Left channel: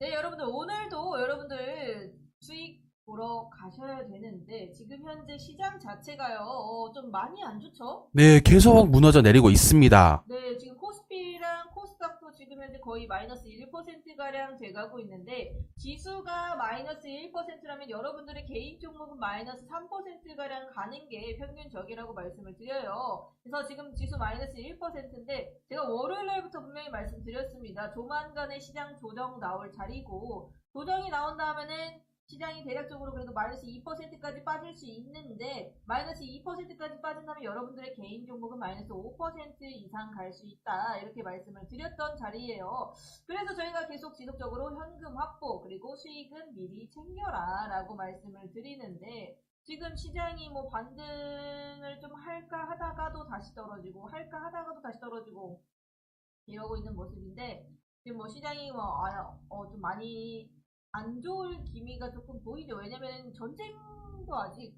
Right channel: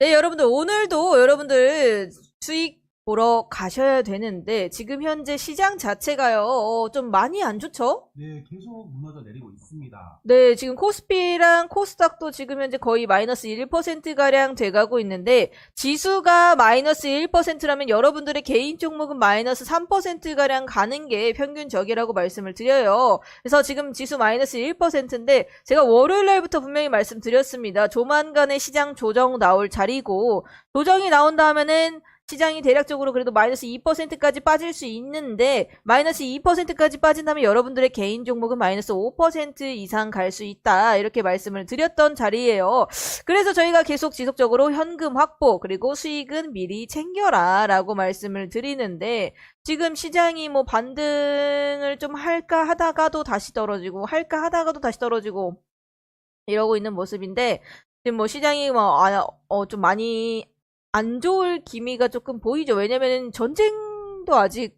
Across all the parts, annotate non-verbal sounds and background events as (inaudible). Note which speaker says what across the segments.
Speaker 1: 네, 여러분들 오늘도 여러분들 수익 보러 가셔야 되는데 지금 현재 시장 자체가요 어, 좀 많이 안 좋죠?
Speaker 2: 네, 계속 무너져 내리고 있습니다.
Speaker 1: 네, 지금 코스피랑 코스닥도 지금 현재 거의 마이너스 1%가량 돼가고 있는데, 지수가 마이너스 1%라면 여러분들의 개인 종목은 마이너스 3%가량 가는 게 평균적이라고 말씀을 드려요. 그래서 지금 지수 마이너스 1%인데, 제가 월요일 날부터 분명히 말씀드렸습니다. 조만간에 시장 조정 나올 자리고, 조정이 나온다 하면은 시장이 대략적으로 그래도 마이너스 2%까지 빠질 수 있는데 마이너스 2%까지 빠진다면 여러분들의 개인 종목은 마이너스 5% 이상 갈 수 있다 이렇게 말씀을 드렸던 자리예요. 그래서 저희가 계속 지속적으로 현금 확보 그리고 수익은 미리 챙겨라 라고 말씀을 드리는데 지금 시장이 뭐 반등을 좀 할까 하다가도 다시 떨어지고 할까 하다가도 다시 떨어지고 이러고 있는 모습인데 지금 뭐 시장이 뭐좀 많이 안 좋을 기미가 조금 보이죠. 왜냐면은 전쟁도 아직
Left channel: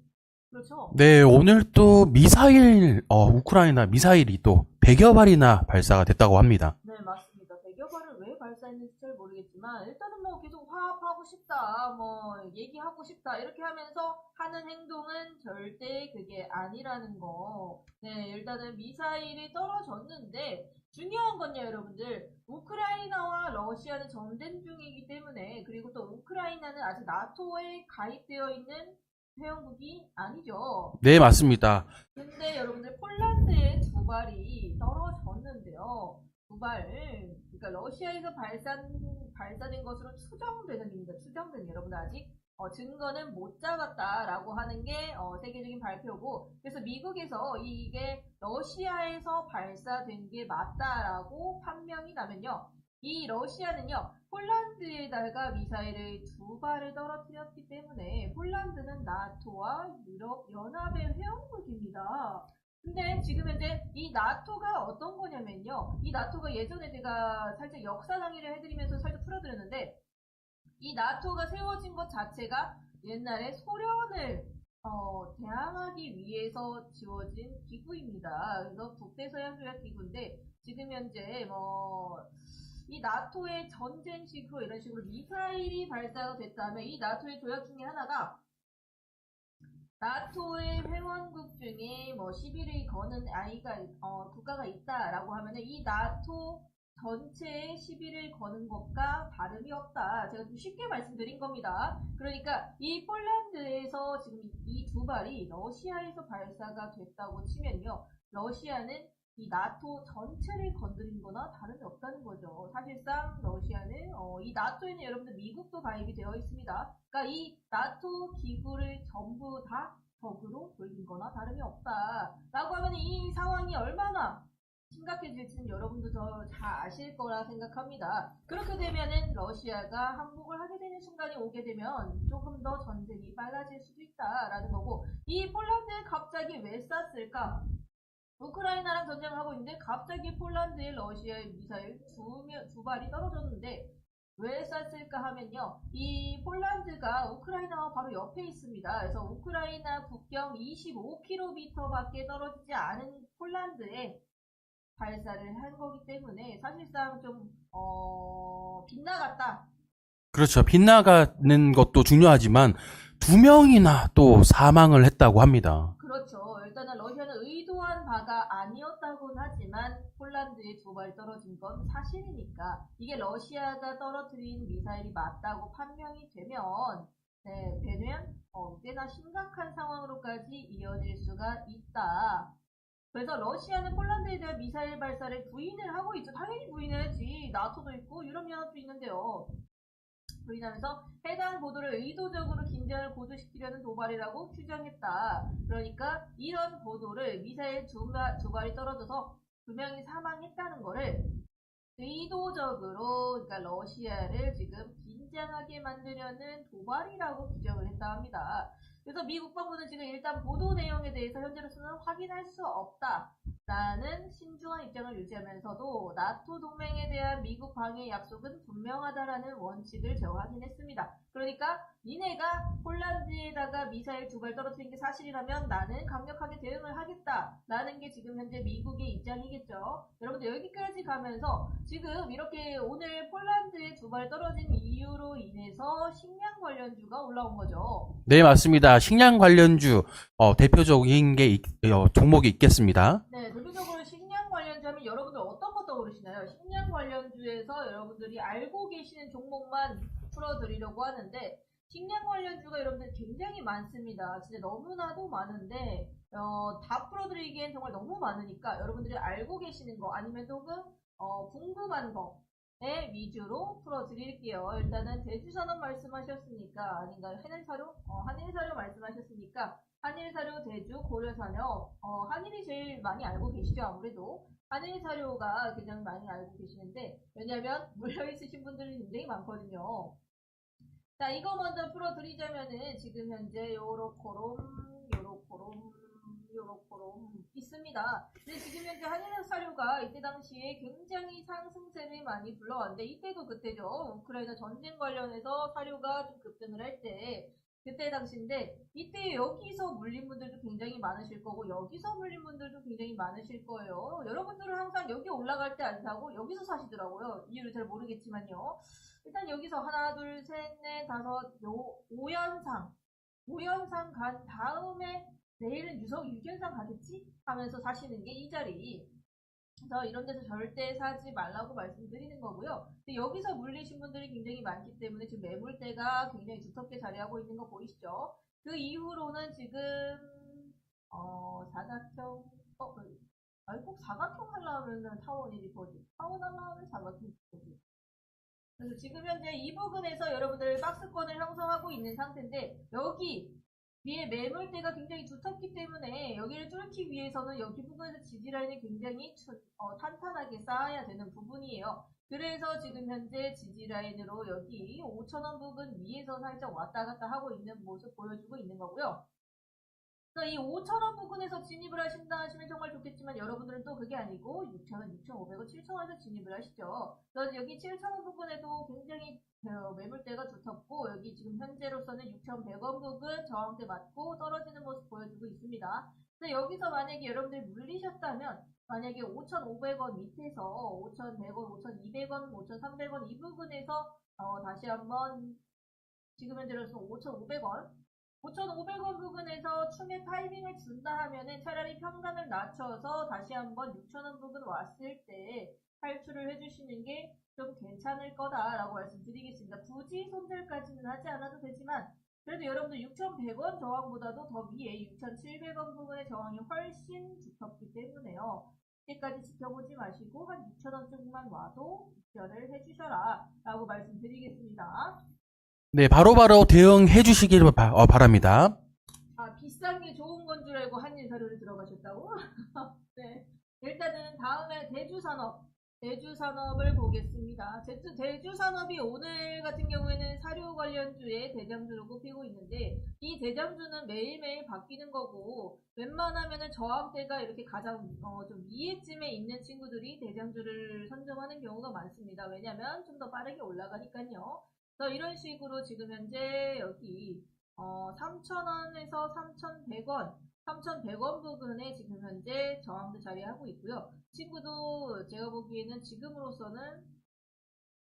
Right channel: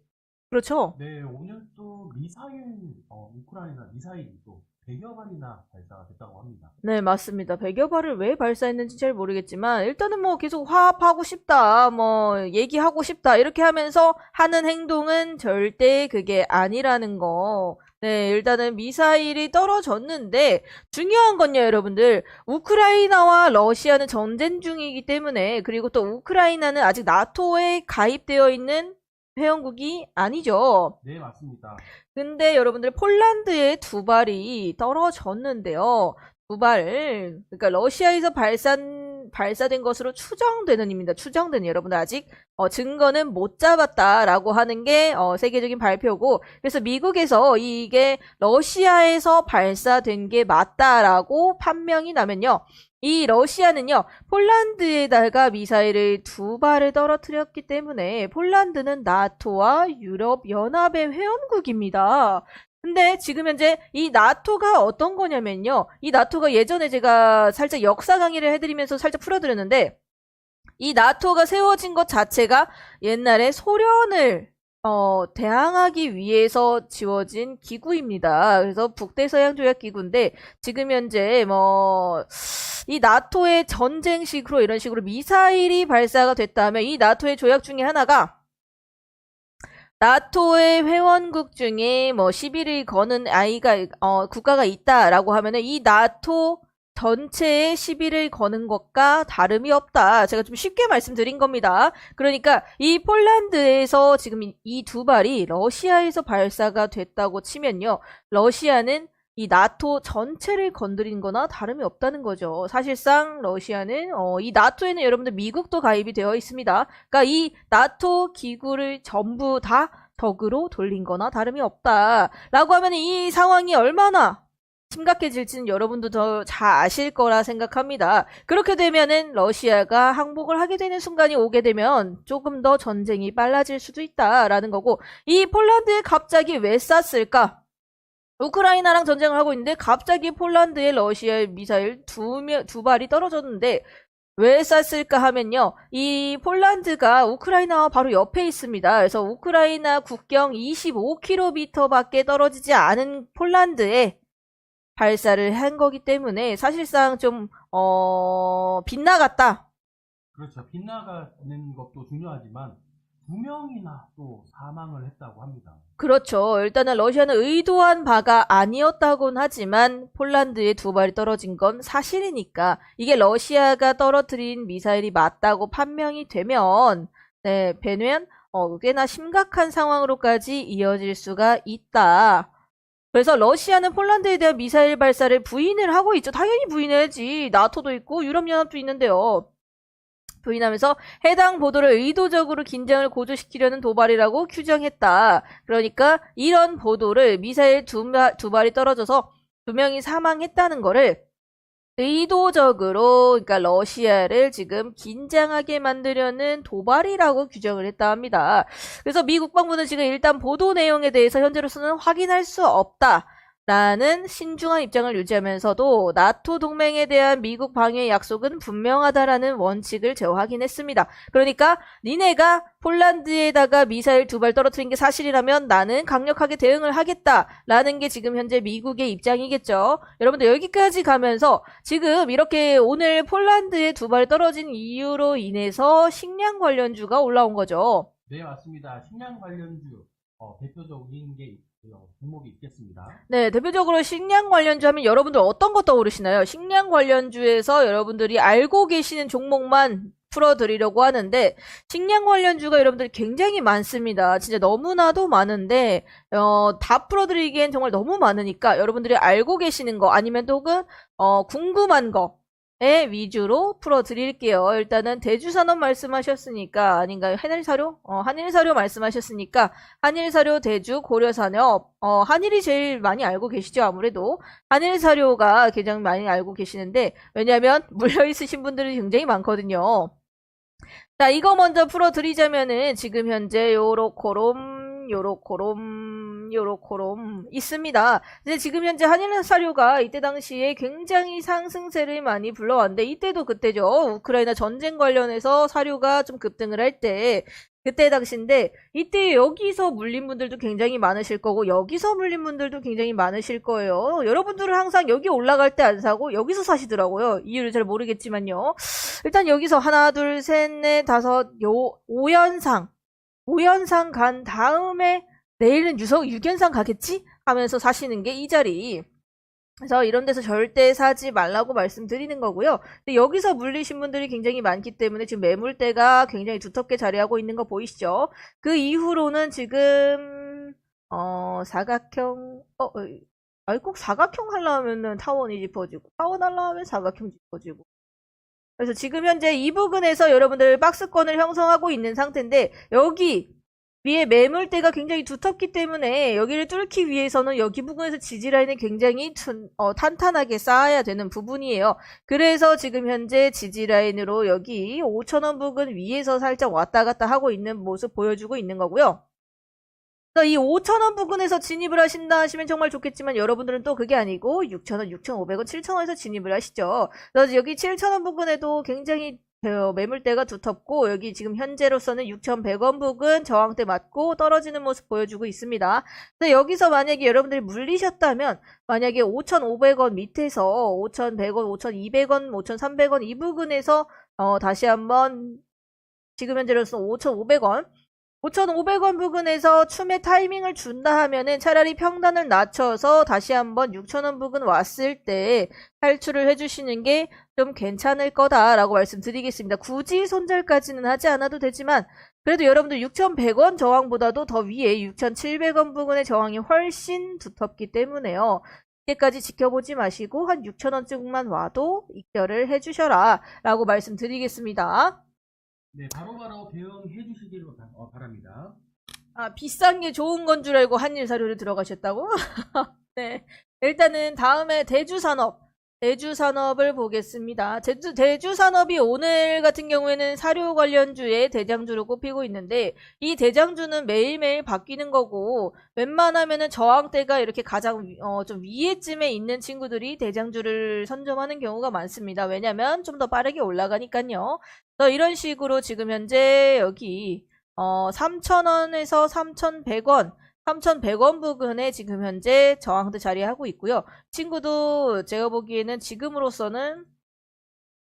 Speaker 1: 그렇죠.
Speaker 2: 네, 오늘 또 미사일, 어, 우크라이나 미사일이 또 100여 발이나 발사가 됐다고 합니다.
Speaker 1: 네, 맞습니다. 100여 발을 왜 발사했는지 잘 모르겠지만 일단은 뭐 계속 화합하고 싶다, 뭐 얘기하고 싶다 이렇게 하면서 하는 행동은 절대 그게 아니라는 거. 네, 일단은 미사일이 떨어졌는데 중요한 건요, 여러분들. 우크라이나와 러시아는 전쟁 중이기 때문에 그리고 또 우크라이나는 아직 나토에 가입되어 있는 회원국이 아니죠.
Speaker 2: 네, 맞습니다.
Speaker 1: 근데 여러분들 폴란드에 두 발이 떨어졌는데요. 두 발, 그러니까 러시아에서 발산, 발사된 것으로 추정되는 입니다. 추정되는 여러분들 아직 어, 증거는 못 잡았다라고 하는 게 어, 세계적인 발표고 그래서 미국에서 이게 러시아에서 발사된 게 맞다라고 판명이 나면요. 이 러시아는요, 폴란드에다가 미사일을 두 발을 떨어뜨렸기 때문에 폴란드는 나토와 유럽 연합의 회원국입니다. 근데 지금 현재 이 나토가 어떤 거냐면요. 이 나토가 예전에 제가 살짝 역사 강의를 해드리면서 살짝 풀어드렸는데, 이 나토가 세워진 것 자체가 옛날에 소련을 어, 대항하기 위해서 지워진 기구입니다. 그래서 북대서양 조약 기구인데 지금 현재 뭐 이 나토의 전쟁식으로 이런 식으로 미사일이 발사가 됐다면 이 나토의 조약 중에 하나가 나토의 회원국 중에 뭐 시비를 거는 아이가 어, 국가가 있다라고 하면은 이 나토 전체에 시비를 거는 것과 다름이 없다. 제가 좀 쉽게 말씀드린 겁니다. 그러니까 이 폴란드에서 지금 이 두 발이 러시아에서 발사가 됐다고 치면요. 러시아는 이 나토 전체를 건드린 거나 다름이 없다는 거죠. 사실상 러시아는 어, 이 나토에는 여러분들 미국도 가입이 되어 있습니다. 그러니까 이 나토 기구를 전부 다 적으로 돌린 거나 다름이 없다. 라고 하면 이 상황이 얼마나 심각해질지는 여러분도 더 잘 아실 거라 생각합니다. 그렇게 되면은 러시아가 항복을 하게 되는 순간이 오게 되면 조금 더 전쟁이 빨라질 수도 있다라는 거고 이 폴란드에 갑자기 왜 쐈을까? 우크라이나랑 전쟁을 하고 있는데 갑자기 폴란드에 러시아의 미사일 두, 명- 두 발이 떨어졌는데 왜 쐈을까 하면요. 이 폴란드가 우크라이나와 바로 옆에 있습니다. 그래서 우크라이나 국경 25km 밖에 떨어지지 않은 폴란드에 발사를 한 거기 때문에 사실상 좀, 어, 빗나갔다.
Speaker 2: 그렇죠. 빗나가는 것도 중요하지만 두 명이나 또 사망을 했다고 합니다.
Speaker 1: 그렇죠. 일단은 러시아는 의도한 바가 아니었다고는 하지만 폴란드에 두 발이 떨어진 건 사실이니까 이게 러시아가 떨어뜨린 미사일이 맞다고 판명이 되면 네, 되면 어, 꽤나 심각한 상황으로까지 이어질 수가 있다. 그래서 러시아는 폴란드에 대한 미사일 발사를 부인을 하고 있죠. 당연히 부인해야지. 나토도 있고 유럽연합도 있는데요. 부인하면서 해당 보도를 의도적으로 긴장을 고조시키려는 도발이라고 규정했다. 그러니까 이런 보도를 미사일 두, 마- 두 발이 떨어져서 두 명이 사망했다는 거를 의도적으로 그러니까 러시아를 지금 긴장하게 만들려는 도발이라고 규정을 했다 합니다. 그래서 미 국방부는 지금 일단 보도 내용에 대해서 현재로서는 확인할 수 없다. 라는 신중한 입장을 유지하면서도 나토 동맹에 대한 미국 방해 약속은 분명하다라는 원칙을 재확인했습니다. 그러니까 니네가 폴란드에다가 미사일 두 발 떨어뜨린 게 사실이라면 나는 강력하게 대응을 하겠다라는 게 지금 현재 미국의 입장이겠죠. 여러분들 여기까지 가면서 지금 이렇게 오늘 폴란드에 두 발 떨어진 이유로 인해서 식량 관련주가 올라온 거죠.
Speaker 2: 네, 맞습니다. 식량 관련주 어, 대표적인 게 있- 어, 종목이 있겠습니다.
Speaker 1: 네, 대표적으로 식량 관련주 하면 여러분들 어떤 거 떠오르시나요? 식량 관련주에서 여러분들이 알고 계시는 종목만 풀어드리려고 하는데 식량 관련주가 여러분들 굉장히 많습니다. 진짜 너무나도 많은데 어, 다 풀어드리기엔 정말 너무 많으니까 여러분들이 알고 계시는 거 아니면 혹은 어, 궁금한 거에 위주로 풀어드릴게요. 일단은 대주산업 말씀하셨으니까 아닌가요? 한일사료? 어, 한일사료 말씀하셨으니까 한일사료, 대주, 고려산업, 어, 한일이 제일 많이 알고 계시죠, 아무래도. 한일사료가 가장 많이 알고 계시는데, 왜냐면, (laughs) 물려있으신 분들이 굉장히 많거든요. 자, 이거 먼저 풀어드리자면은, 지금 현재 요로코롬, 요로코롬, 요로코롬 있습니다. 근데 지금 현재 한일 사료가 이때 당시에 굉장히 상승세를 많이 불러왔는데, 이때도 그때죠. 우크라이나 전쟁 관련해서 사료가 좀 급등을 할 때, 그때 당시인데 이때 여기서 물린 분들도 굉장히 많으실 거고 여기서 물린 분들도 굉장히 많으실 거예요. 여러분들은 항상 여기 올라갈 때 안 사고 여기서 사시더라고요. 이유를 잘 모르겠지만요. 일단 여기서 하나, 둘, 셋, 넷, 다섯, 요 5연상 5연상 간 다음에 내일은 유석 6연상 가겠지? 하면서 사시는 게 이 자리. 그래서 이런 데서 절대 사지 말라고 말씀드리는 거고요. 근데 여기서 물리신 분들이 굉장히 많기 때문에 지금 매물대가 굉장히 두텁게 자리하고 있는 거 보이시죠? 그 이후로는 지금 어 사각형 어 어, 아니 꼭 사각형 하려면은 타원이 짚어지고 타원 하려면 사각형 짚어지고 그래서 지금 현재 이 부근에서 여러분들 박스권을 형성하고 있는 상태인데 여기 위에 매물대가 굉장히 두텁기 때문에 여기를 뚫기 위해서는 여기 부분에서 지지라인을 굉장히 튼- 어, 탄탄하게 쌓아야 되는 부분이에요. 그래서 지금 현재 지지라인으로 여기 5천원 부근 위에서 살짝 왔다 갔다 하고 있는 모습 보여주고 있는 거고요. 이 5천원 부근에서 진입을 하신다 하시면 정말 좋겠지만 여러분들은 또 그게 아니고 6천원, 6,500원, 7천원에서 진입을 하시죠. 그래서 여기 7천원 부근에도 굉장히 어, 매물대가 두텁고 여기 지금 현재로서는 6,100원 부근 저항대 맞고 떨어지는 모습 보여주고 있습니다. 근데 여기서 만약에 여러분들이 물리셨다면 만약에 5,500원 밑에서 5,100원, 5,200원, 5,300원 이 부근에서 어, 다시 한번 지금 현재로서 5,500원 5,500원 부근에서 춤의 타이밍을 준다 하면은 차라리 평단을 낮춰서 다시 한번 6,000원 부근 왔을 때 탈출을 해주시는 게 좀 괜찮을 거다라고 말씀드리겠습니다. 굳이 손절까지는 하지 않아도 되지만 그래도 여러분들 6,100원 저항보다도 더 위에 6,700원 부근의 저항이 훨씬 두텁기 때문에요. 이때까지 지켜보지 마시고 한 6,000원쯤만 와도 익절을 해주셔라 라고 말씀드리겠습니다.
Speaker 2: 네, 바로바로 대응해 주시길 바, 어, 바랍니다.
Speaker 1: 아, 비싼 게 좋은 건 줄 알고 한일 사료를 들어가셨다고? (laughs) 네. 일단은 다음에 대주산업. 대주산업을 보겠습니다. 대주, 대주산업이 오늘 같은 경우에는 사료 관련주의 대장주로 꼽히고 있는데 이 대장주는 매일매일 바뀌는 거고 웬만하면은 저항대가 이렇게 가장 위- 어, 좀 위에쯤에 있는 친구들이 대장주를 선점하는 경우가 많습니다. 왜냐면 좀 더 빠르게 올라가니까요. 그래서 이런 식으로 지금 현재 여기 어, 3,000원에서 3,100원, 3,100원 부근에 지금 현재 저항대 자리하고 있고요. 친구도 제가 보기에는 지금으로서는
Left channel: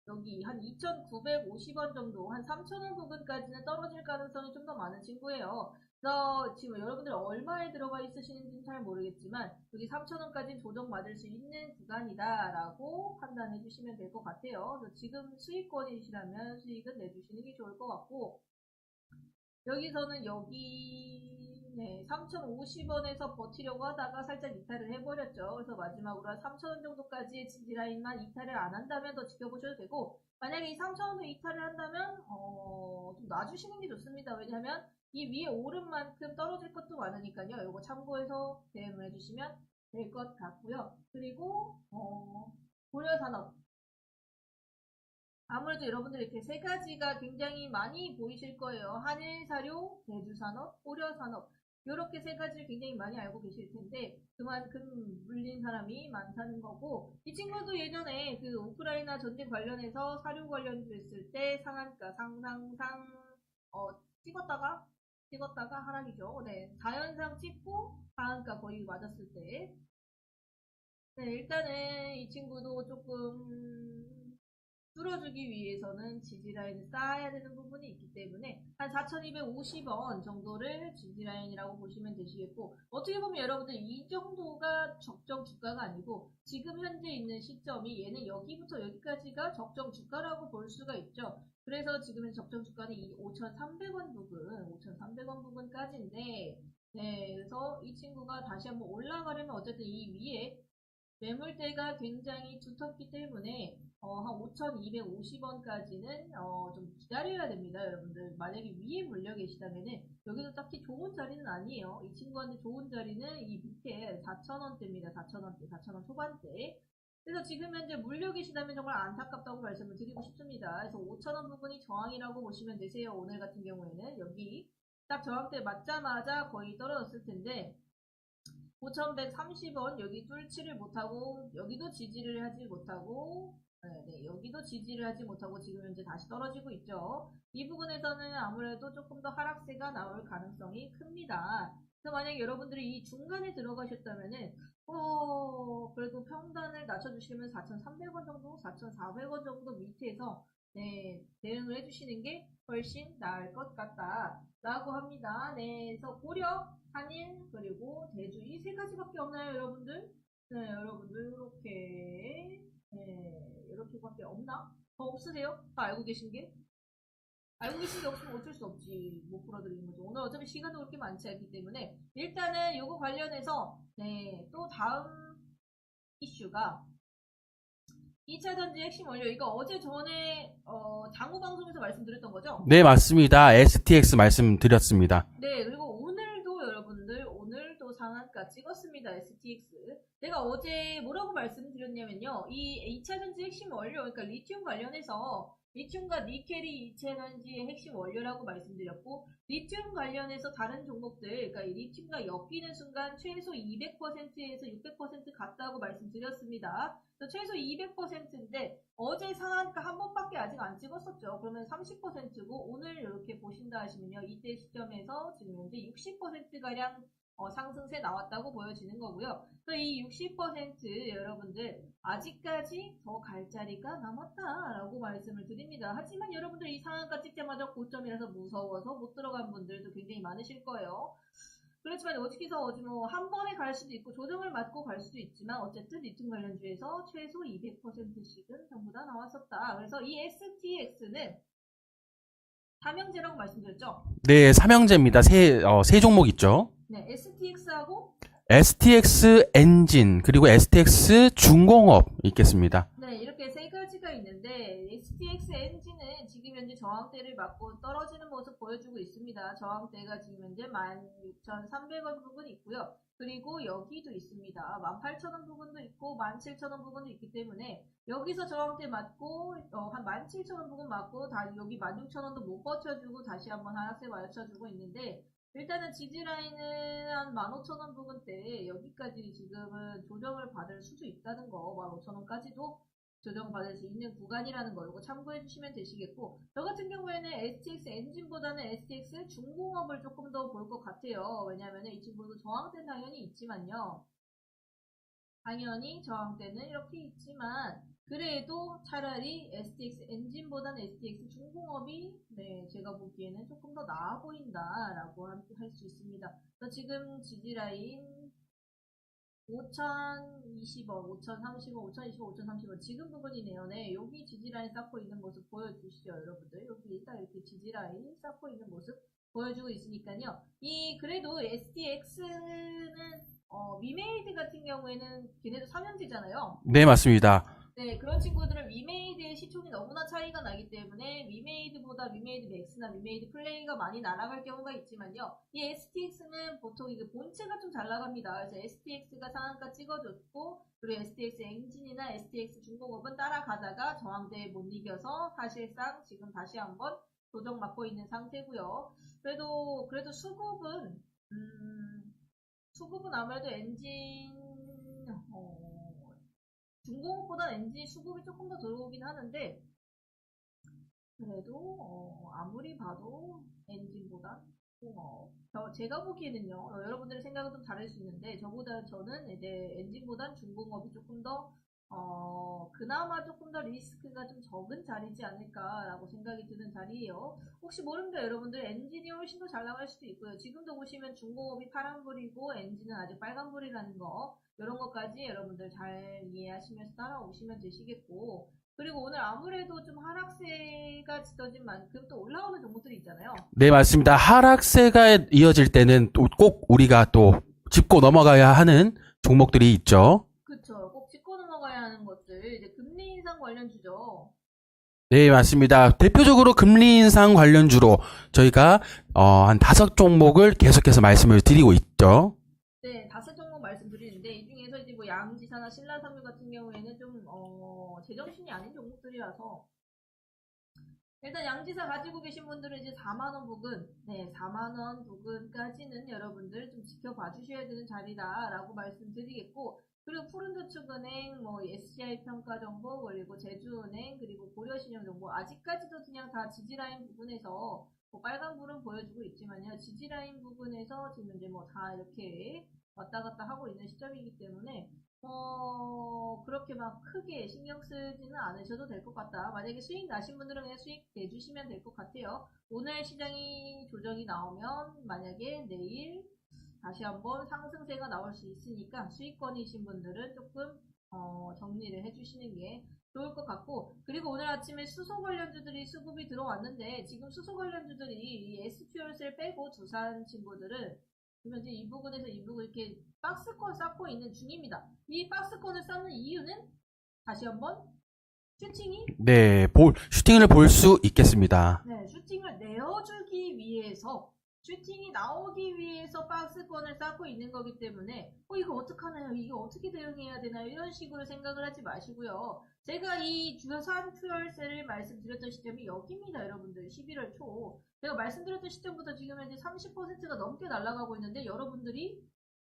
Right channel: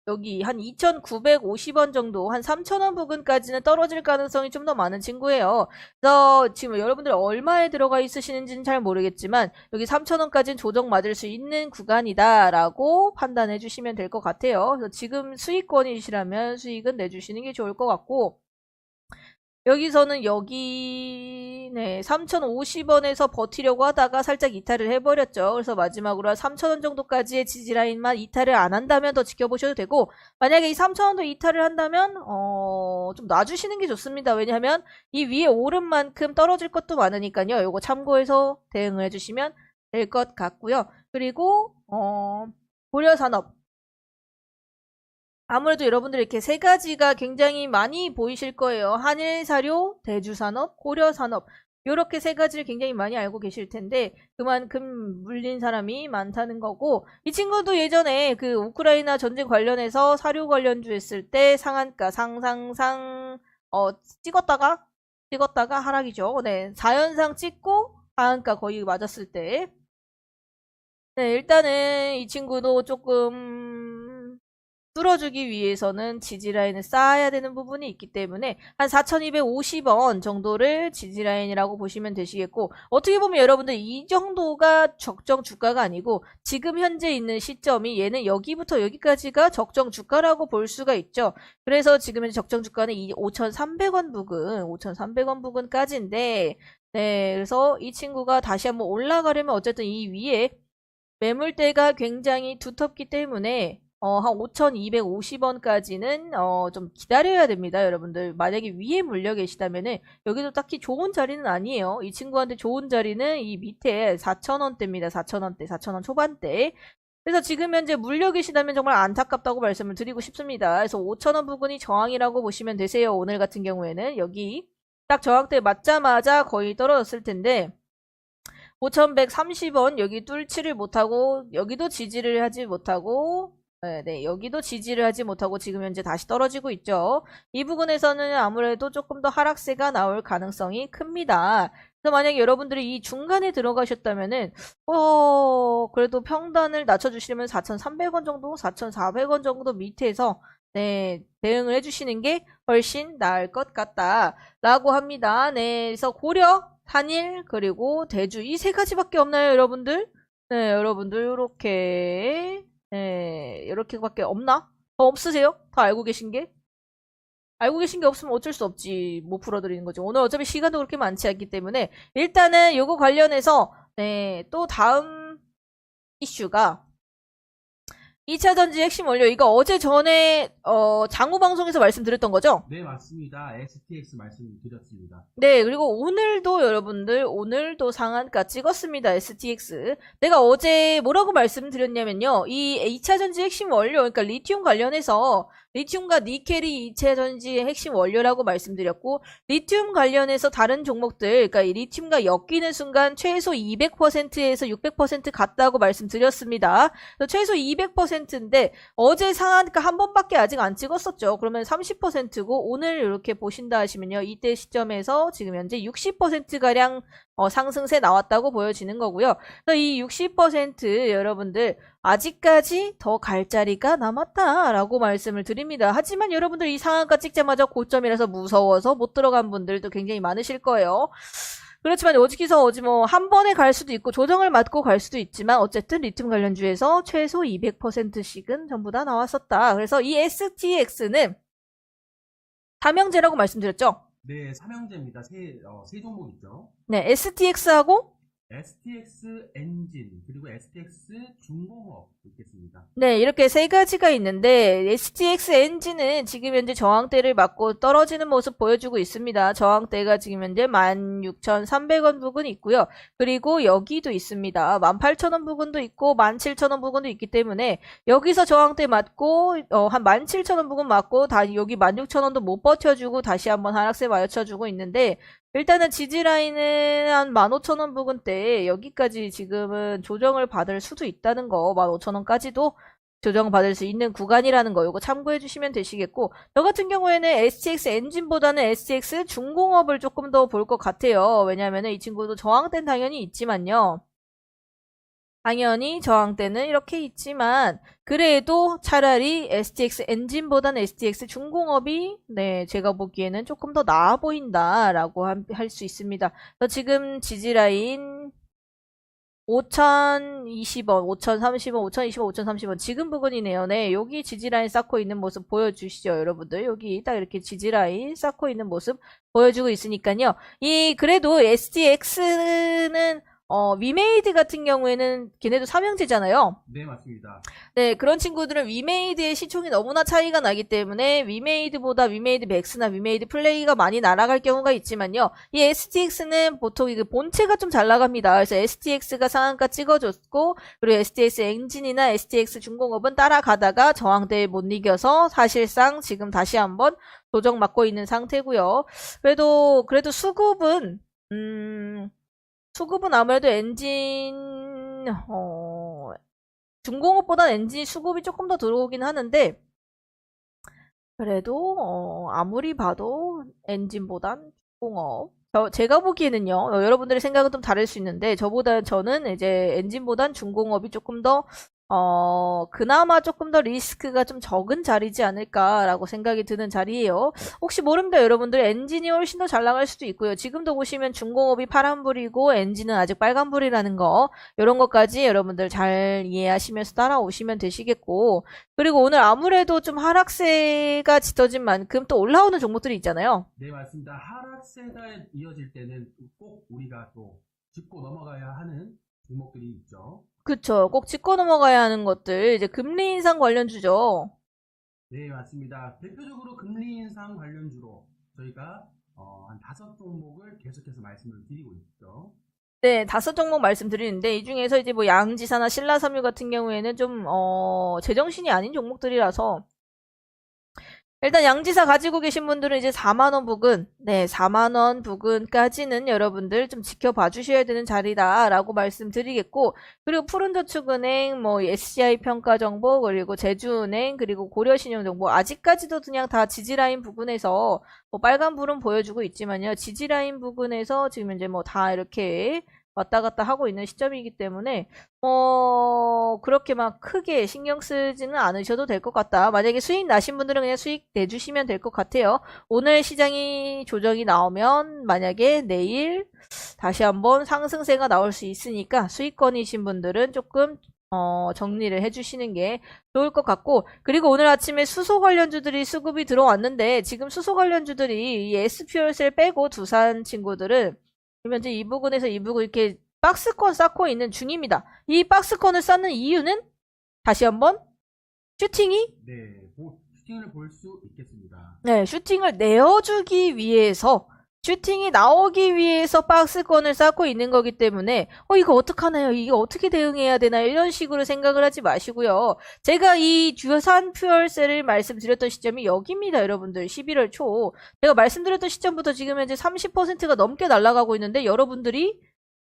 Speaker 1: 여기 한 2,950원 정도, 한 3,000원 부근까지는 떨어질 가능성이 좀 더 많은 친구예요. 그래서 지금 여러분들 얼마에 들어가 있으시는지는 잘 모르겠지만 여기 3,000원까지는 조정 맞을 수 있는 구간이다라고 판단해 주시면 될 것 같아요. 그래서 지금 수익권이시라면 수익은 내주시는 게 좋을 것 같고 여기서는 여기 네 3,050원에서 버티려고 하다가 살짝 이탈을 해버렸죠. 그래서 마지막으로 한 3,000원 정도까지의 지지라인만 이탈을 안 한다면 더 지켜보셔도 되고 만약에 이 3,000원도 이탈을 한다면 어, 좀 놔주시는 게 좋습니다. 왜냐하면 이 위에 오른 만큼 떨어질 것도 많으니까요. 요거 참고해서 대응을 해주시면 될 것 같고요. 그리고 어, 고려산업 아무래도 여러분들 이렇게 세 가지가 굉장히 많이 보이실 거예요. 한일 사료, 대주 산업, 고려 산업. 요렇게 세 가지를 굉장히 많이 알고 계실 텐데 그만큼 물린 사람이 많다는 거고 이 친구도 예전에 그 우크라이나 전쟁 관련해서 사료 관련주 했을 때 상한가 상상상 어 찍었다가 찍었다가 하락이죠. 네. 4연상 찍고 하한가 거의 맞았을 때 네, 일단은 이 친구도 조금 뚫어주기 위해서는 지지라인을 쌓아야 되는 부분이 있기 때문에 한 4,250원 정도를 지지라인이라고 보시면 되시겠고 어떻게 보면 여러분들 이 정도가 적정 주가가 아니고 지금 현재 있는 시점이 얘는 여기부터 여기까지가 적정 주가라고 볼 수가 있죠. 그래서 지금 현재 적정 주가는 이 5,300원 부근, 5,300원 부근까지인데 네, 그래서 이 친구가 다시 한번 올라가려면 어쨌든 이 위에 매물대가 굉장히 두텁기 때문에 어, 한 5,250원까지는 어, 좀 기다려야 됩니다, 여러분들. 만약에 위에 물려 계시다면은 여기도 딱히 좋은 자리는 아니에요. 이 친구한테 좋은 자리는 이 밑에 4,000원대입니다. 4,000원대, 4,000원 초반대. 그래서 지금 현재 물려 계시다면 정말 안타깝다고 말씀을 드리고 싶습니다. 그래서 5,000원 부분이 저항이라고 보시면 되세요. 오늘 같은 경우에는 여기 딱 저항대 맞자마자 거의 떨어졌을 텐데 5,130원 여기 뚫지를 못하고 여기도 지지를 하지 못하고 네, 네, 여기도 지지를 하지 못하고 지금 현재 다시 떨어지고 있죠. 이 부분에서는 아무래도 조금 더 하락세가 나올 가능성이 큽니다. 그래서 만약에 여러분들이 이 중간에 들어가셨다면은 어 그래도 평단을 낮춰주시려면 4,300원 정도, 4,400원 정도 밑에서 네 대응을 해주시는 게 훨씬 나을 것 같다라고 합니다. 네, 그래서 고려, 한일 그리고 대주 이 세 가지밖에 없나요, 여러분들? 네, 여러분들 요렇게 네, 이렇게밖에 없나? 더 없으세요? 다 알고 계신 게? 알고 계신 게 없으면 어쩔 수 없지. 못 풀어드리는 거죠. 오늘 어차피 시간도 그렇게 많지 않기 때문에 일단은 요거 관련해서 네, 또 다음 이슈가 2차 전지 핵심 원료 이거 어제 전에 어, 장우 방송에서 말씀드렸던 거죠?
Speaker 2: 네, 맞습니다. STX 말씀드렸습니다.
Speaker 1: 네, 그리고 오늘도 여러분들, 오늘도 상한가 찍었습니다. STX. 내가 어제 뭐라고 말씀드렸냐면요. 이 2차 전지 핵심 원료, 그러니까 리튬 관련해서 리튬과 니켈이 2차 전지의 핵심 원료라고 말씀드렸고, 리튬 관련해서 다른 종목들, 그러니까 이 리튬과 엮이는 순간 최소 200%에서 600% 갔다고 말씀드렸습니다. 최소 200%인데, 어제 상한가 한 번밖에 아직 안 찍었었죠. 그러면 30%고, 오늘 이렇게 보신다 하시면요. 이때 시점에서 지금 현재 60%가량 어, 상승세 나왔다고 보여지는 거고요. 그래서 이 60% 여러분들 아직까지 더 갈 자리가 남았다라고 말씀을 드립니다. 하지만 여러분들 이 상한가 찍자마자 고점이라서 무서워서 못 들어간 분들도 굉장히 많으실 거예요. 그렇지만 어디서 어디 뭐한 번에 갈 수도 있고 조정을 맞고 갈 수도 있지만 어쨌든 리튬 관련주에서 최소 200%씩은 전부 다 나왔었다. 그래서 이 STX는 삼형제라고 말씀드렸죠.
Speaker 2: 네, 삼형제입니다. 세, 어, 세 종목 있죠.
Speaker 1: 네, STX하고
Speaker 2: STX 엔진, 그리고 STX 중공업 있겠습니다.
Speaker 1: 네, 이렇게 세 가지가 있는데 STX 엔진은 지금 현재 저항대를 맞고 떨어지는 모습 보여주고 있습니다. 저항대가 지금 현재 16,300원 부근 있고요. 그리고 여기도 있습니다. 18,000원 부근도 있고 17,000원 부근도 있기 때문에 여기서 저항대 맞고 어, 한 17,000원 부근 맞고 다 여기 16,000원도 못 버텨주고 다시 한번 하락세 맞춰주고 있는데 일단은 지지라인은 한 15,000원 부근대 여기까지 지금은 조정을 받을 수도 있다는 거 15,000원까지도 조정받을 수 있는 구간이라는 거 이거 참고해 주시면 되시겠고 저 같은 경우에는 STX 엔진보다는 STX 중공업을 조금 더 볼 것 같아요. 왜냐하면 이 친구도 저항대는 당연히 있지만요 당연히 저항대는 이렇게 있지만 그래도 차라리 STX 엔진보다는 STX 중공업이 네 제가 보기에는 조금 더 나아 보인다라고 할 수 있습니다. 지금 지지라인 5,020원, 5,030원, 5,020원, 5,030원 지금 부분이네요. 네, 여기 지지라인 쌓고 있는 모습 보여주시죠, 여러분들. 여기 딱 이렇게 지지라인 쌓고 있는 모습 보여주고 있으니까요. 이 그래도 STX는 어, 위메이드 같은 경우에는 걔네도 삼형제잖아요.
Speaker 2: 네, 맞습니다.
Speaker 1: 네, 그런 친구들은 위메이드의 시총이 너무나 차이가 나기 때문에 위메이드보다 위메이드 맥스나 위메이드 플레이가 많이 날아갈 경우가 있지만요. 이 STX는 보통 이게 본체가 좀 잘 나갑니다. 그래서 STX가 상한가 찍어줬고 그리고 STX 엔진이나 STX 중공업은 따라가다가 저항대에 못 이겨서 사실상 지금 다시 한번 도정 맞고 있는 상태고요. 그래도 그래도 수급은 음, 수급은 아무래도 엔진, 어, 중공업보다 엔진 수급이 조금 더 들어오긴 하는데, 그래도, 어, 아무리 봐도 엔진보단 중공업. 저, 제가 보기에는요, 어, 여러분들의 생각은 좀 다를 수 있는데, 저보다, 저는 이제 엔진보단 중공업이 조금 더, 어, 그나마 조금 더 리스크가 좀 적은 자리지 않을까라고 생각이 드는 자리예요. 혹시 모릅니다, 여러분들. 엔진이 훨씬 더 잘 나갈 수도 있고요. 지금도 보시면 중공업이 파란불이고 엔진은 아직 빨간불이라는 거, 이런 것까지 여러분들 잘 이해하시면서 따라오시면 되시겠고, 그리고 오늘 아무래도 좀 하락세가 짙어진 만큼 또 올라오는 종목들이 있잖아요.
Speaker 2: 네, 맞습니다. 하락세가 이어질 때는 또 꼭 우리가 또 짚고 넘어가야 하는 종목들이 있죠.
Speaker 1: 그쵸. 꼭 짚고 넘어가야 하는 것들, 이제 금리 인상 관련주죠.
Speaker 2: 네, 맞습니다. 대표적으로 금리 인상 관련주로 저희가 어, 한 다섯 종목을 계속해서 말씀을 드리고 있죠.
Speaker 1: 네, 다섯 종목 말씀드리는데 이 중에서 이제 뭐 양지사나 신라섬유 같은 경우에는 좀 어, 제정신이 아닌 종목들이라서 일단 양지사 가지고 계신 분들은 이제 4만 원 부근, 네, 4만 원 부근까지는 여러분들 좀 지켜봐 주셔야 되는 자리다라고 말씀드리겠고 그리고 푸른저축은행, 뭐 SCI 평가 정보 그리고 제주은행 그리고 고려신용 정보 아직까지도 그냥 다 지지라인 부근에서 뭐 빨간 불은 보여주고 있지만요. 지지라인 부근에서 지금 이제 뭐 다 이렇게 왔다 갔다 하고 있는 시점이기 때문에 어 그렇게 막 크게 신경 쓰지는 않으셔도 될 것 같다. 만약에 수익 나신 분들은 그냥 수익 내주시면 될 것 같아요. 오늘 시장이 조정이 나오면 만약에 내일 다시 한번 상승세가 나올 수 있으니까 수익권이신 분들은 조금 어, 정리를 해주시는 게 좋을 것 같고, 그리고 오늘 아침에 수소 관련주들이 수급이 들어왔는데, 지금 수소 관련주들이 이 SPL셀 빼고 두산 친구들은 현재 이 부분에서 이 부분 이렇게 박스권 쌓고 있는 중입니다. 이 박스권을 쌓는 이유는 다시 한번 슈팅이
Speaker 2: 네, 볼, 슈팅을 볼 수 있겠습니다.
Speaker 1: 네, 슈팅을 내어주기 위해서 슈팅이 나오기 위해서 박스권을 쌓고 있는 거기 때문에 어 이거 어떡하나요? 이거 어떻게 대응해야 되나요? 이런 식으로 생각을 하지 마시고요. 제가 이 주산 퓨얼셀을 말씀드렸던 시점이 여기입니다, 여러분들. 11월 초. 제가 말씀드렸던 시점부터 지금 현재 30%가 넘게 날아가고 있는데 여러분들이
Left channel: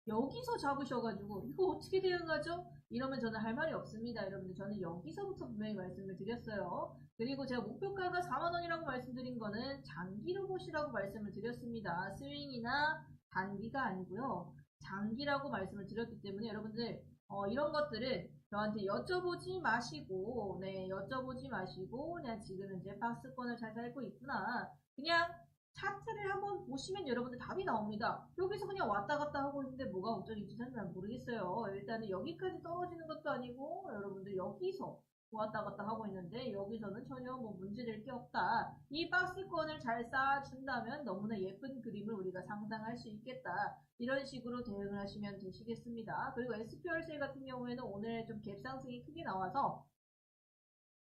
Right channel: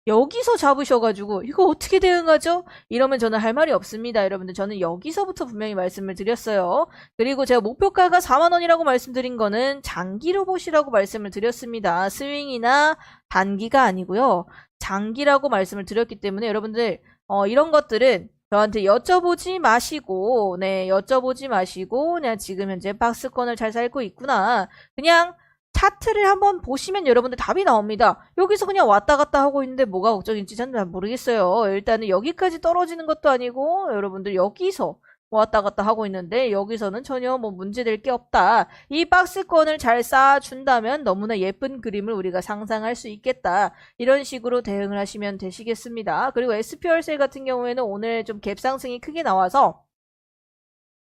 Speaker 1: 여기서 잡으셔가지고 이거 어떻게 대응하죠? 이러면 저는 할 말이 없습니다, 여러분들. 저는 여기서부터 분명히 말씀을 드렸어요. 그리고 제가 목표가가 4만원이라고 말씀드린 거는 장기로 보시라고 말씀을 드렸습니다. 스윙이나 단기가 아니고요. 장기라고 말씀을 드렸기 때문에 여러분들, 어, 이런 것들은 저한테 여쭤보지 마시고, 네, 여쭤보지 마시고, 그냥 지금 현재 박스권을 잘 살고 있구나. 그냥 차트를 한번 보시면 여러분들 답이 나옵니다. 여기서 그냥 왔다 갔다 하고 있는데 뭐가 걱정인지 저는 잘 모르겠어요. 일단은 여기까지 떨어지는 것도 아니고 여러분들 여기서 왔다 갔다 하고 있는데 여기서는 전혀 뭐 문제될 게 없다. 이 박스권을 잘 쌓아준다면 너무나 예쁜 그림을 우리가 상상할 수 있겠다. 이런 식으로 대응을 하시면 되시겠습니다. 그리고 SPR셀 같은 경우에는 오늘 좀 갭상승이 크게 나와서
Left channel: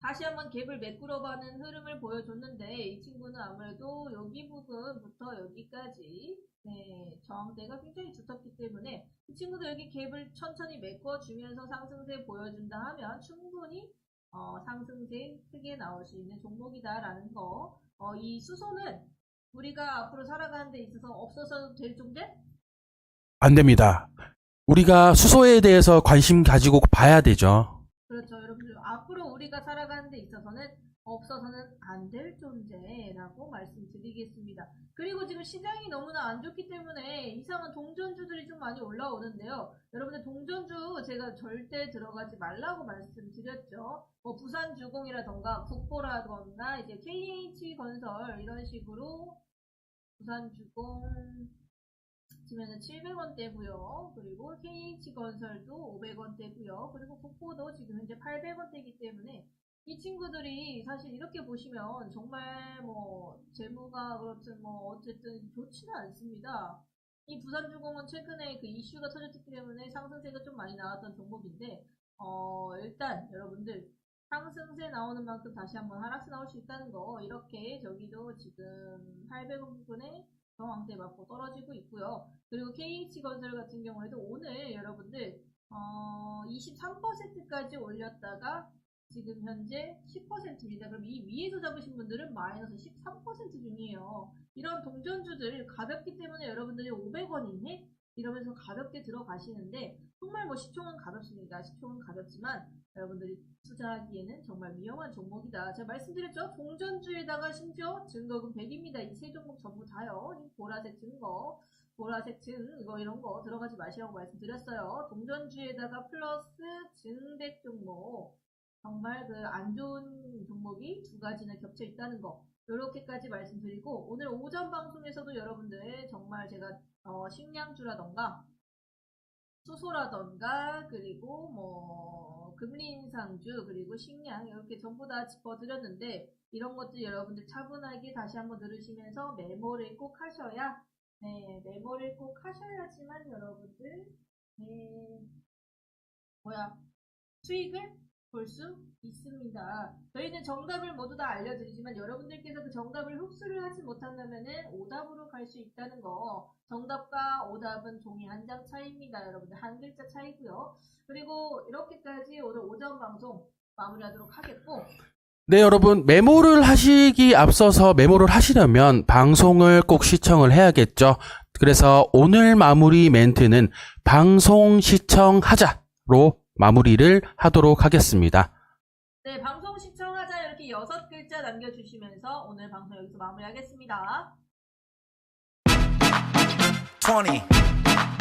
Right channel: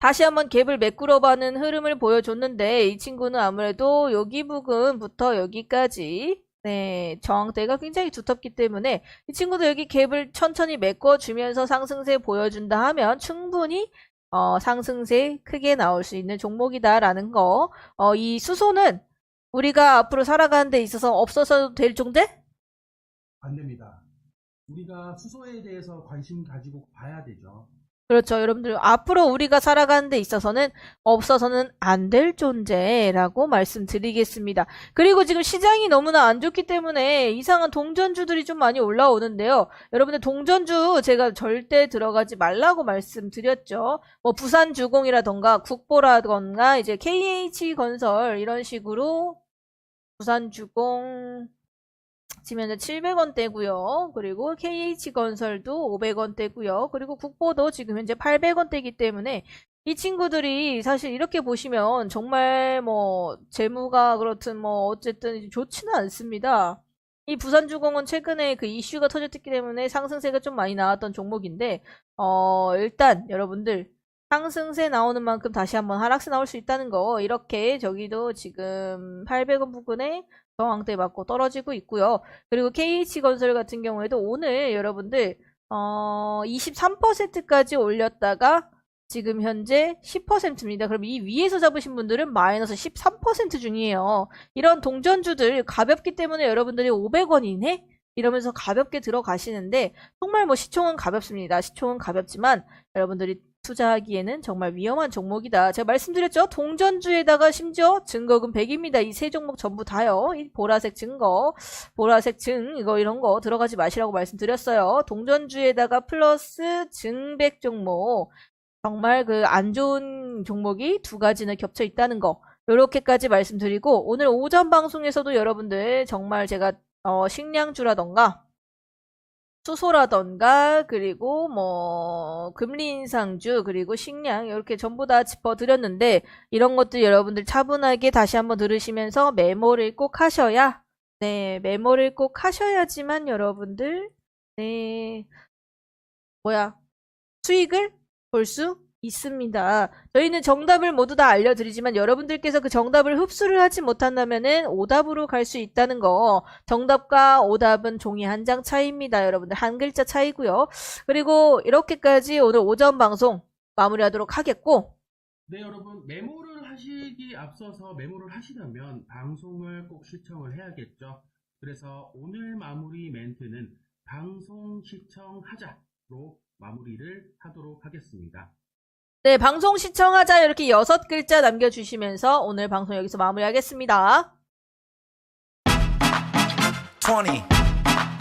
Speaker 1: 다시 한번 갭을 매꾸러 가는 흐름을 보여줬는데 이 친구는 아무래도 여기 부근부터 여기까지 네, 저항대가 굉장히 두텁기 때문에 이 친구도 여기 갭을 천천히 메꿔주면서 상승세 보여준다 하면 충분히 어, 상승세 크게 나올 수 있는 종목이다라는 거. 어, 이 수소는 우리가 앞으로 살아가는 데 있어서 없어서도 될 존재?
Speaker 2: 안 됩니다. 우리가 수소에 대해서 관심 가지고 봐야 되죠.
Speaker 1: 그렇죠. 여러분들, 앞으로 우리가 살아가는 데 있어서는 없어서는 안 될 존재라고 말씀드리겠습니다. 그리고 지금 시장이 너무나 안 좋기 때문에 이상한 동전주들이 좀 많이 올라오는데요. 여러분들, 동전주 제가 절대 들어가지 말라고 말씀드렸죠. 뭐, 부산주공이라던가 국보라던가 이제 KH건설 이런 식으로 부산주공 현재 700원대고요. 그리고 KH건설도 500원대고요. 그리고 국보도 지금 현재 800원대이기 때문에 이 친구들이 사실 이렇게 보시면 정말 뭐 재무가 그렇든 뭐 어쨌든 좋지는 않습니다. 이 부산주공은 최근에 그 이슈가 터졌기 때문에 상승세가 좀 많이 나왔던 종목인데 어 일단 여러분들 상승세 나오는 만큼 다시 한번 하락세 나올 수 있다는 거 이렇게 저기도 지금 800원 부근에 저항대 맞고 떨어지고 있고요. 그리고 KH건설 같은 경우에도 오늘 여러분들 어 23%까지 올렸다가 지금 현재 10%입니다. 그럼 이 위에서 잡으신 분들은 마이너스 13% 중이에요. 이런 동전주들 가볍기 때문에 여러분들이 500원 이네? 이러면서 가볍게 들어가시는데 정말 뭐 시총은 가볍습니다. 시총은 가볍지만 여러분들이 투자하기에는 정말 위험한 종목이다. 제가 말씀드렸죠? 동전주에다가 심지어 증거금 100입니다. 이 세 종목 전부 다요. 이 보라색 증거, 보라색 증, 이거 이런 거 들어가지 마시라고 말씀드렸어요. 동전주에다가 플러스 증백 종목. 정말 그 안 좋은 종목이 두 가지는 겹쳐 있다는 거. 요렇게까지 말씀드리고 오늘 오전 방송에서도 여러분들 정말 제가 어, 식량주라던가 수소라던가 그리고 뭐 금리 인상주 그리고 식량 이렇게 전부 다 짚어드렸는데 이런 것들 여러분들 차분하게 다시 한번 들으시면서 메모를 꼭 하셔야 네 메모를 꼭 하셔야지만 여러분들 네 뭐야 수익을 볼 수 있습니다. 저희는 정답을 모두 다 알려드리지만 여러분들께서 그 정답을 흡수를 하지 못한다면은 오답으로 갈 수 있다는 거. 정답과 오답은 종이 한 장 차이입니다. 여러분들 한 글자 차이고요. 그리고 이렇게까지 오늘 오전 방송 마무리하도록 하겠고
Speaker 2: 네, 여러분, 메모를 하시기 앞서서 메모를 하시려면 방송을 꼭 시청을 해야겠죠. 그래서 오늘 마무리 멘트는 방송 시청하자로 마무리를 하도록 하겠습니다.
Speaker 1: 네 방송 시청하자 이렇게 여섯 글자 남겨주시면서 오늘 방송 여기서 마무리하겠습니다.
Speaker 3: 20,